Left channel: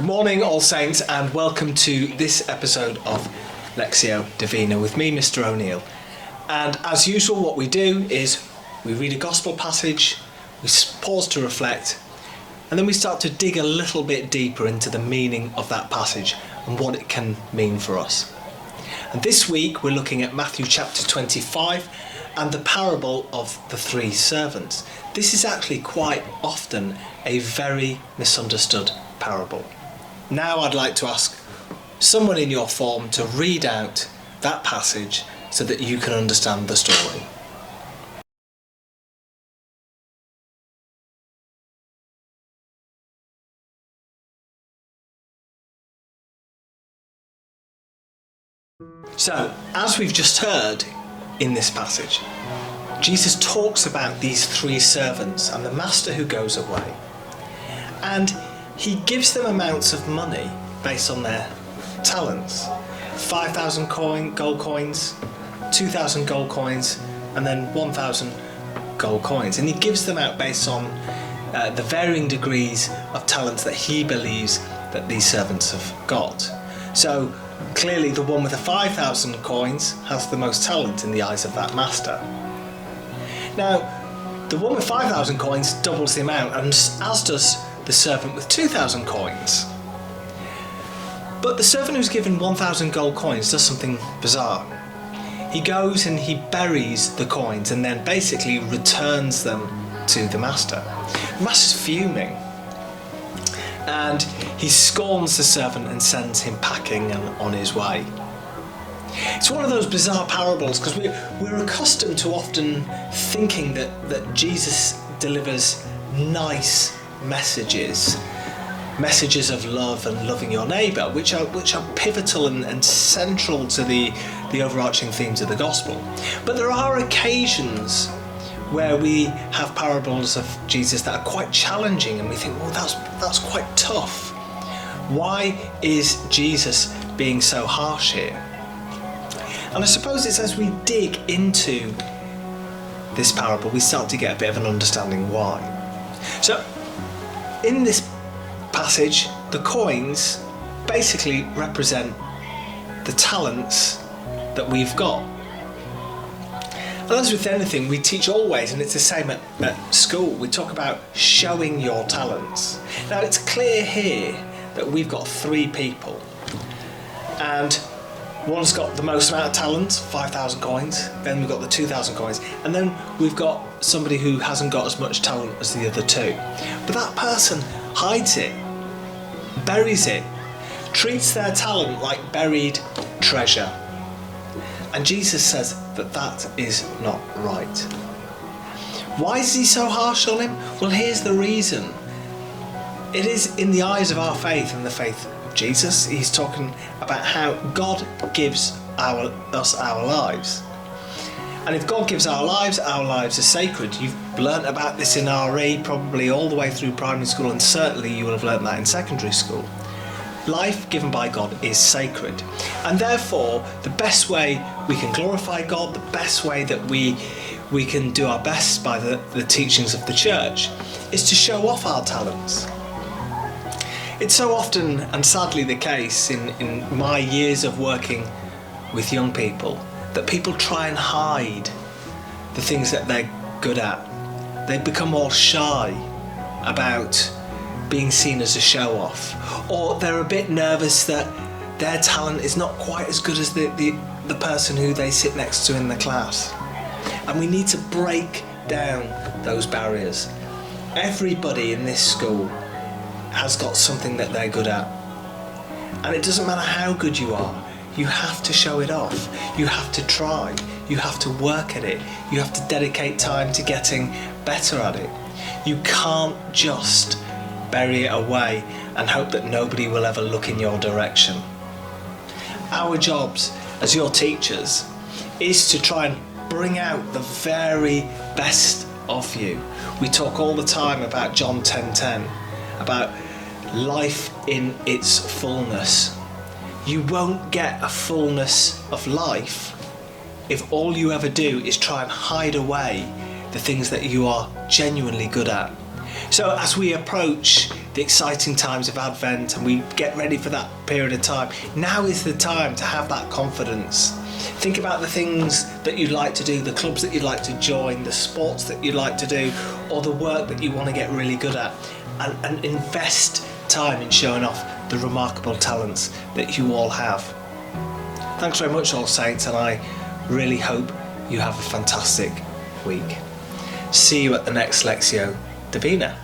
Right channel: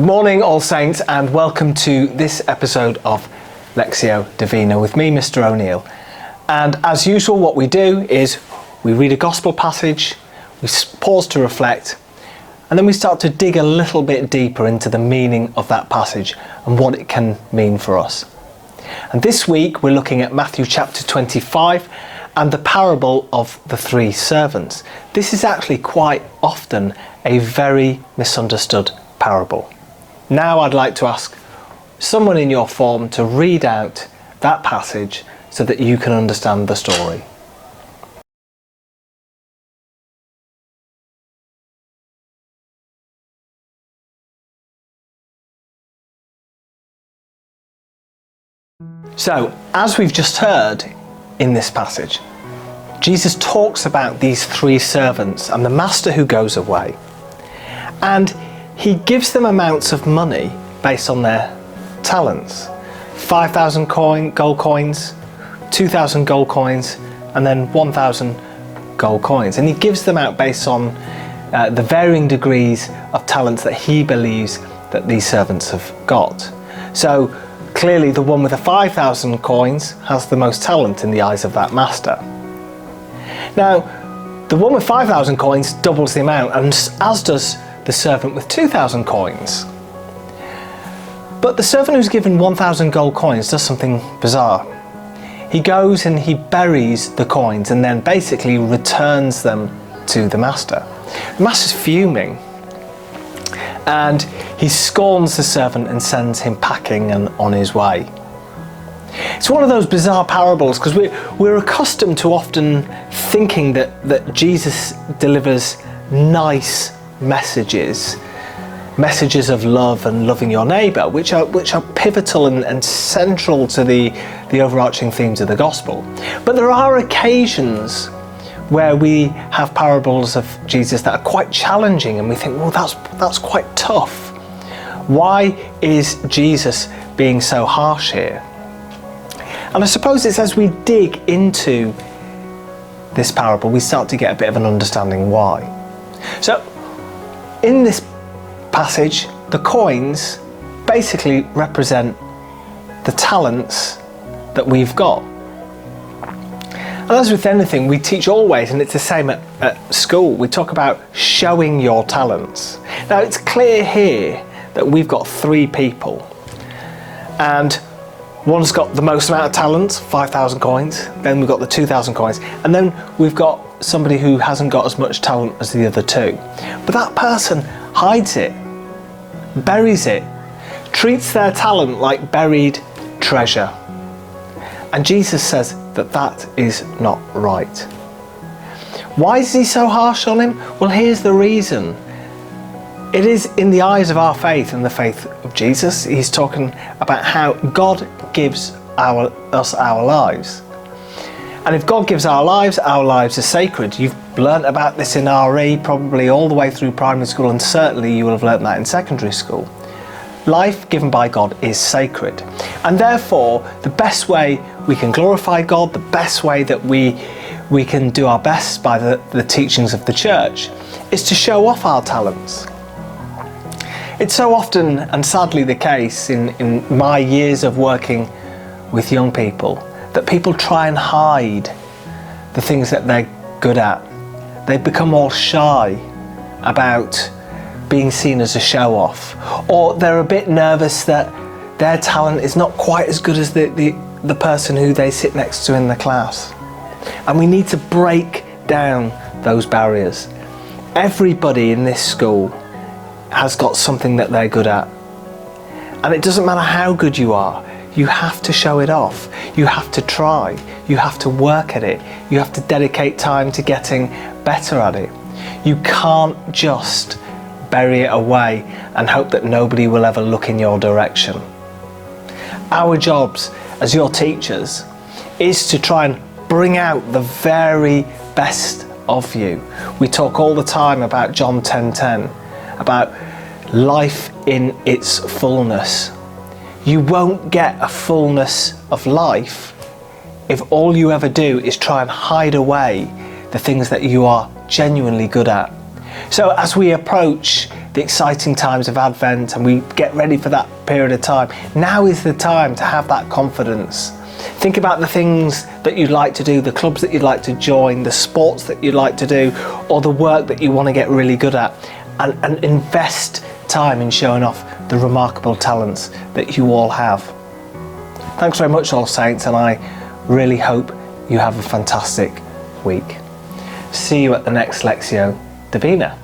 Good morning, All Saints, and welcome to this episode of Lectio Divina with me, Mr. O'Neill. And as usual, what we do is we read a gospel passage, we pause to reflect, and then we start to dig a little bit deeper into the meaning of that passage and what it can mean for us. And this week we're looking at Matthew chapter 25 and the parable of the three servants. This is actually quite often a very misunderstood parable. Now I'd like to ask someone in your form to read out that passage so that you can understand the story. So, as we've just heard in this passage, Jesus talks about these three servants and the master who goes away. And he gives them amounts of money based on their talents. 5,000 gold coins, 2,000 gold coins, and then 1,000 gold coins. And he gives them out based on the varying degrees of talents that he believes that these servants have got. So clearly the one with the 5,000 coins has the most talent in the eyes of that master. Now, the one with 5,000 coins doubles the amount, and as does the servant with 2,000 coins. But the servant who's given 1,000 gold coins does something bizarre. He goes and he buries the coins and then basically returns them to the master. The master's fuming, and he scorns the servant and sends him packing and on his way. It's one of those bizarre parables because we're accustomed to often thinking that Jesus delivers nice messages of love and loving your neighbour, which are pivotal and central to the overarching themes of the gospel. But there are occasions where we have parables of Jesus that are quite challenging, and we think, well, that's quite tough. Why is Jesus being so harsh here? And I suppose it's as we dig into this parable, we start to get a bit of an understanding why. So, in this passage, the coins basically represent the talents that we've got. And as with anything, we teach always, and it's the same at school, we talk about showing your talents. Now, it's clear here that we've got three people, and one's got the most amount of talents, 5,000 coins, then we've got the 2,000 coins, and then we've got somebody who hasn't got as much talent as the other two. But that person hides it, buries it, treats their talent like buried treasure. And Jesus says that that is not right. Why is he so harsh on him? Well, here's the reason. It is in the eyes of our faith and the faith of Jesus. He's talking about how God gives us our lives. And if God gives our lives are sacred. You've learnt about this in RE, probably all the way through primary school, and certainly you will have learnt that in secondary school. Life given by God is sacred. And therefore, the best way we can glorify God, the best way that we can do our best by the teachings of the church, is to show off our talents. It's so often, and sadly the case in my years of working with young people, that people try and hide the things that they're good at. They become all shy about being seen as a show-off, or they're a bit nervous that their talent is not quite as good as the person who they sit next to in the class. And we need to break down those barriers. Everybody in this school has got something that they're good at. And it doesn't matter how good you are, you have to show it off. You have to try. You have to work at it. You have to dedicate time to getting better at it. You can't just bury it away and hope that nobody will ever look in your direction. Our jobs as your teachers is to try and bring out the very best of you. We talk all the time about John 10:10, about life in its fullness. You won't get a fullness of life if all you ever do is try and hide away the things that you are genuinely good at. So as we approach the exciting times of Advent and we get ready for that period of time, now is the time to have that confidence. Think about the things that you'd like to do, the clubs that you'd like to join, the sports that you'd like to do, or the work that you want to get really good at, and invest time in showing off the remarkable talents that you all have. Thanks very much, All Saints, and I really hope you have a fantastic week. See you at the next Lectio Divina.